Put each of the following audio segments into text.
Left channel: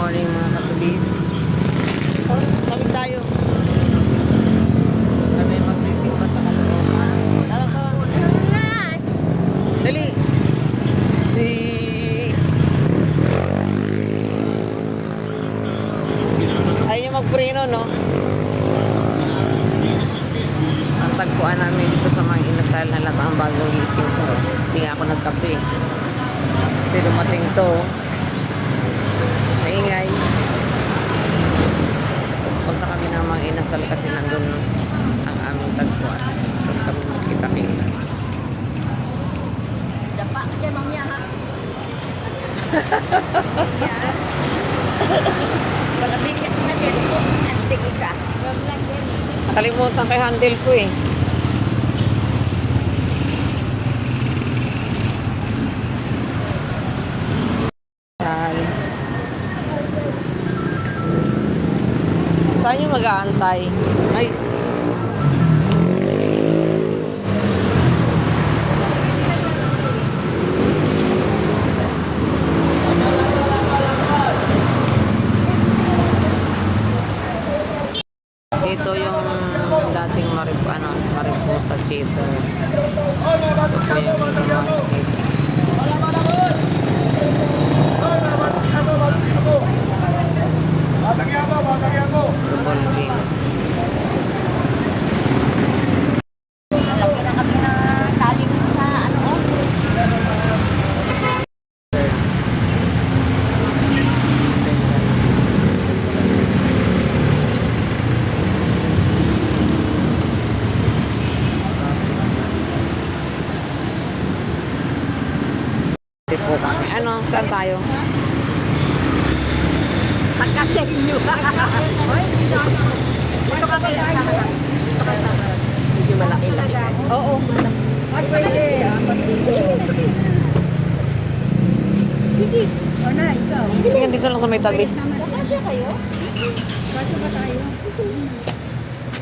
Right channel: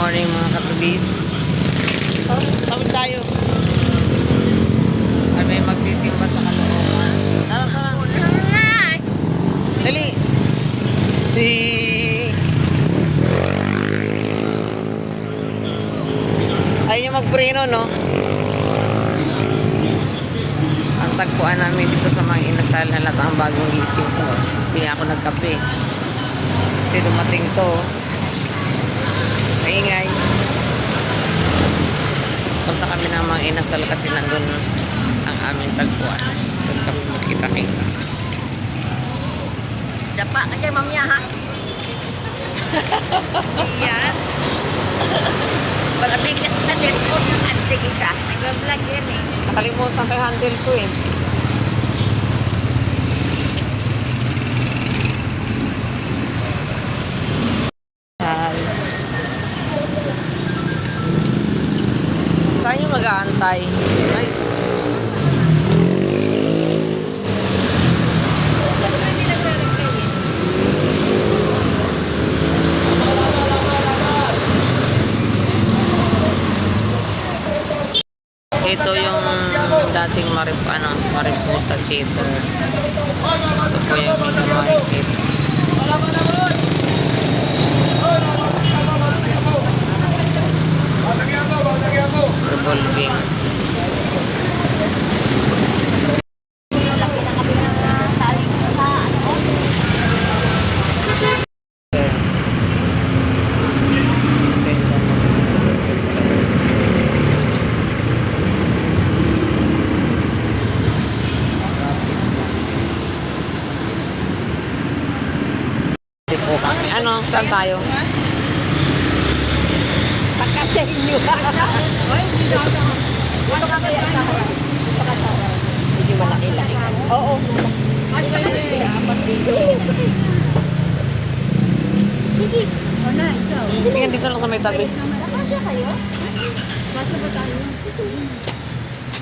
morning mga katubis. Tawid tayo. Ay, may magsisimba sa Caloocan. Tara, tara. Dali. Ayaw niya magpreno, no? Ang tagpuan namin dito sa mga inasal, halata ang bagong gising ko. Hindi nga ako nagkape. Kasi dumating to. Maingay. Punta kami ng mga inasal kasi nandun ang aming tagpuan. Doon kami magkita-kita. Dapa ka dyan, mamaya ha? Yan. Palabig na kita din po ng ante kita. Nag-vlog yan eh. Nakalimutan kay handle ko eh. Saan yung mag-aantay? Ay. Ito yung dating Mariposa Theater. Ito po yung Mega Market. Revolving. Lagi na kami na taling sa ano o. Po kami. Ano? Saan tayo? Pagkasya inyo. Hindi malaki-laki. Oo. Sige. O na, ikaw. Sige, dito lang sa may tabi. Kasya kayo? Kasya ba tayo?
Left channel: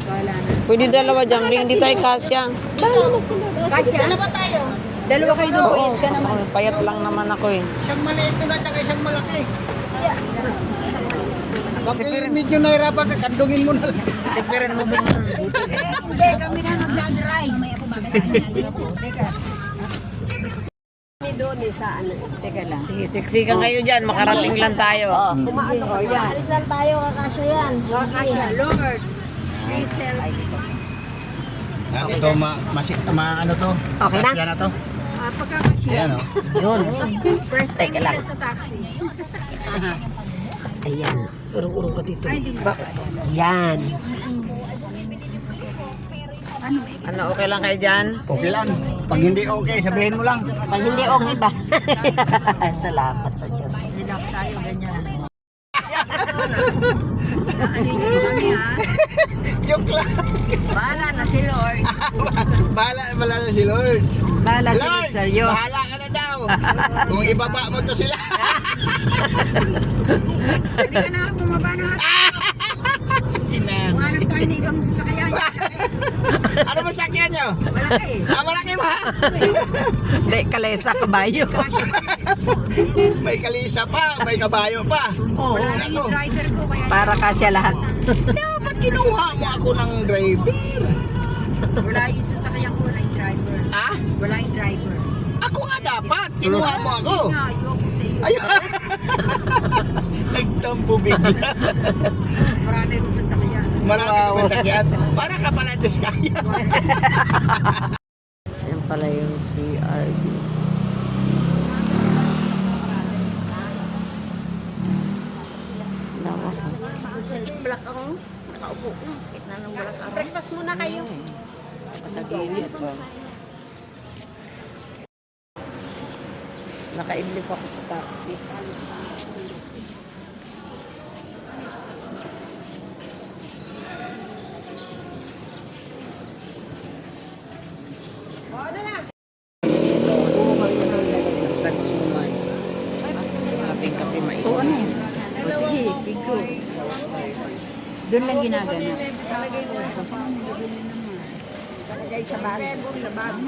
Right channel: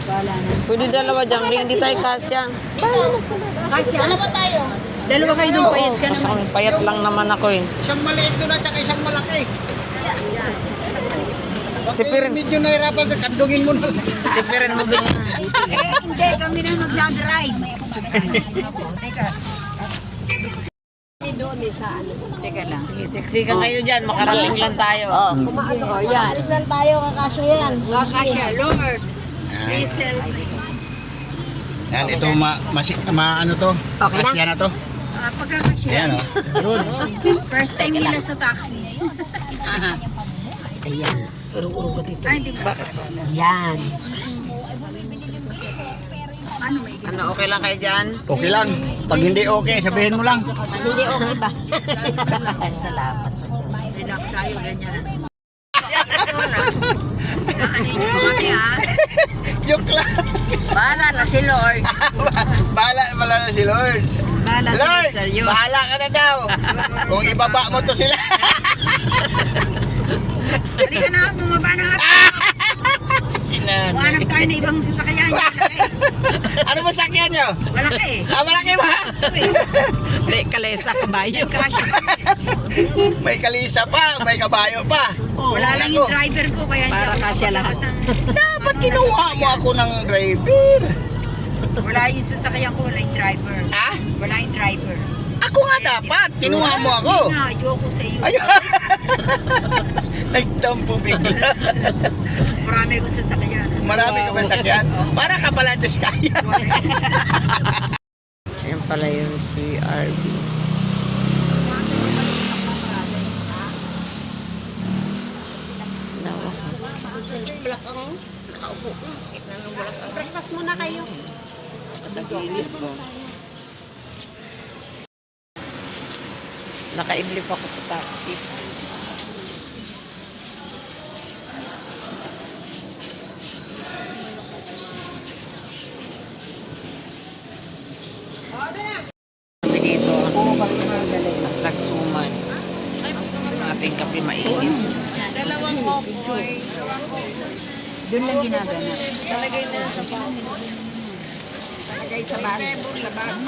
Wala na. Pwede dalawa dyan. Hindi tayo kasya. Kasya? Dalawa tayo. Dalawa kayo doon. Oo, kasi payat lang naman ako eh. Isang maliit doon at saka isang malaki. Tipirin. Medyo nahirapan ka, kandungin mo na lang. Tipirin mo din. Hindi, kami na magdadrive. Teka. Doon sa ano. Teka lang. Siksikan kayo dyan. Makarating lang tayo. Oh, yan. Alis lang tayo, kakasya yan. Kakasya, Lord. Please help. Yan, ito ano to? Okay na? Kasya na to? Pagkakasya. Yan o. Yun. First time nila sa taxi. Ayan. Urong-urong ka dito. Ay, hindi. Bakit? Yan. Ano, okay lang kayo dyan? Okay lang. Pag hindi okay, sabihin mo lang. Pag hindi okay ba? Salamat sa Diyos. Hilap tayo, ganyan. Kami ha. Joke lang. Bahala na si Lord. Bahala na si Lord. Bahala sa Lord, seryo. bahala ka na daw. Kung ibaba mo to sila. Hindi ka na, bumaba na. Huwanap tayo na ibang sasakyan. Ano ba sakyan nyo? Malaki. Malaki ba? Hindi, kalesa, kabayo. May kalisa pa, may kabayo pa. Wala lang yung driver ko. Kaya Para kasya lahat. Dapat kinuha mo ako ng driver. Wala yung sasakyan ko, wala yung driver. Ha? Wala yung driver. Ako nga dapat. Kinuha mo ako. Ayoko sa iyo. Ayun. Nagtampo bigla. Marami ko sasakyan. Marami ka masakyan. Para ka pala diskaya. Ayan pala yung PRB. Lawak ha. Yung balakang, nakaupo ko. Sakit na ng balakang. Pas muna kayo. Nakaidlip ako sa taxi. Kami dito. At nagsuman. Sa ating kape mainit. Doon lang ginagano.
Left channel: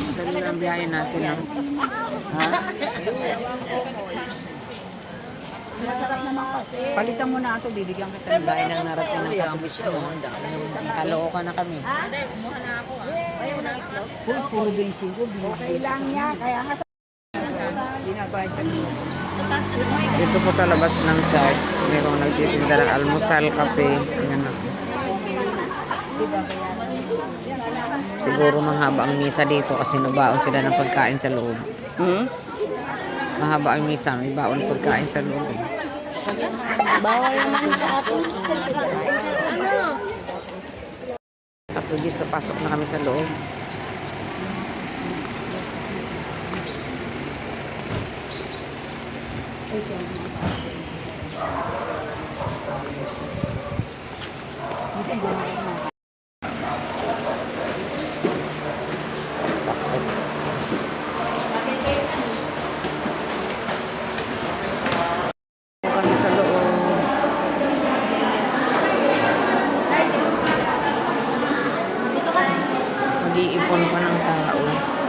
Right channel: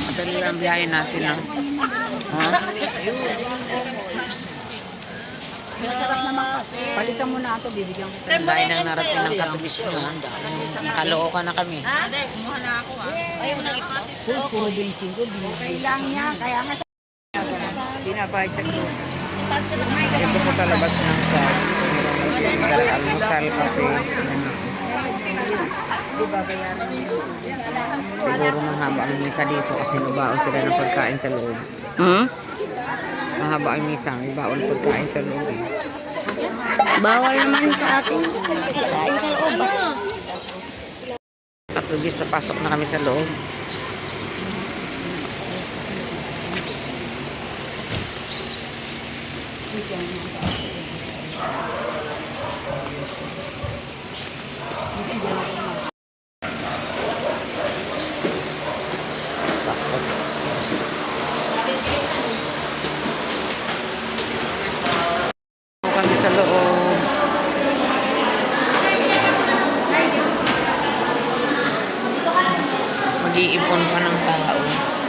Madali lang biyahe natin. No? Ha? Masarap naman kasi. Palitan mo na ito, bibigyan ko sa Ang dahil nang narating ng katubis mo. Nakalookan na kami. Uy, puro 25. Okay lang niya, kaya nga Binabayad sa inyo. Dito po sa labas ng church. Meron nagtitinggal almusal, kape. Siguro mahaba ang misa dito kasi nabaon sila ng pagkain sa loob. Mahaba ang misa, may baon pagkain sa loob. bawal naman sa atin. Katubis, papasok na kami sa loob. Takot. Kami sa loob. Mag-iipon pa ng tao.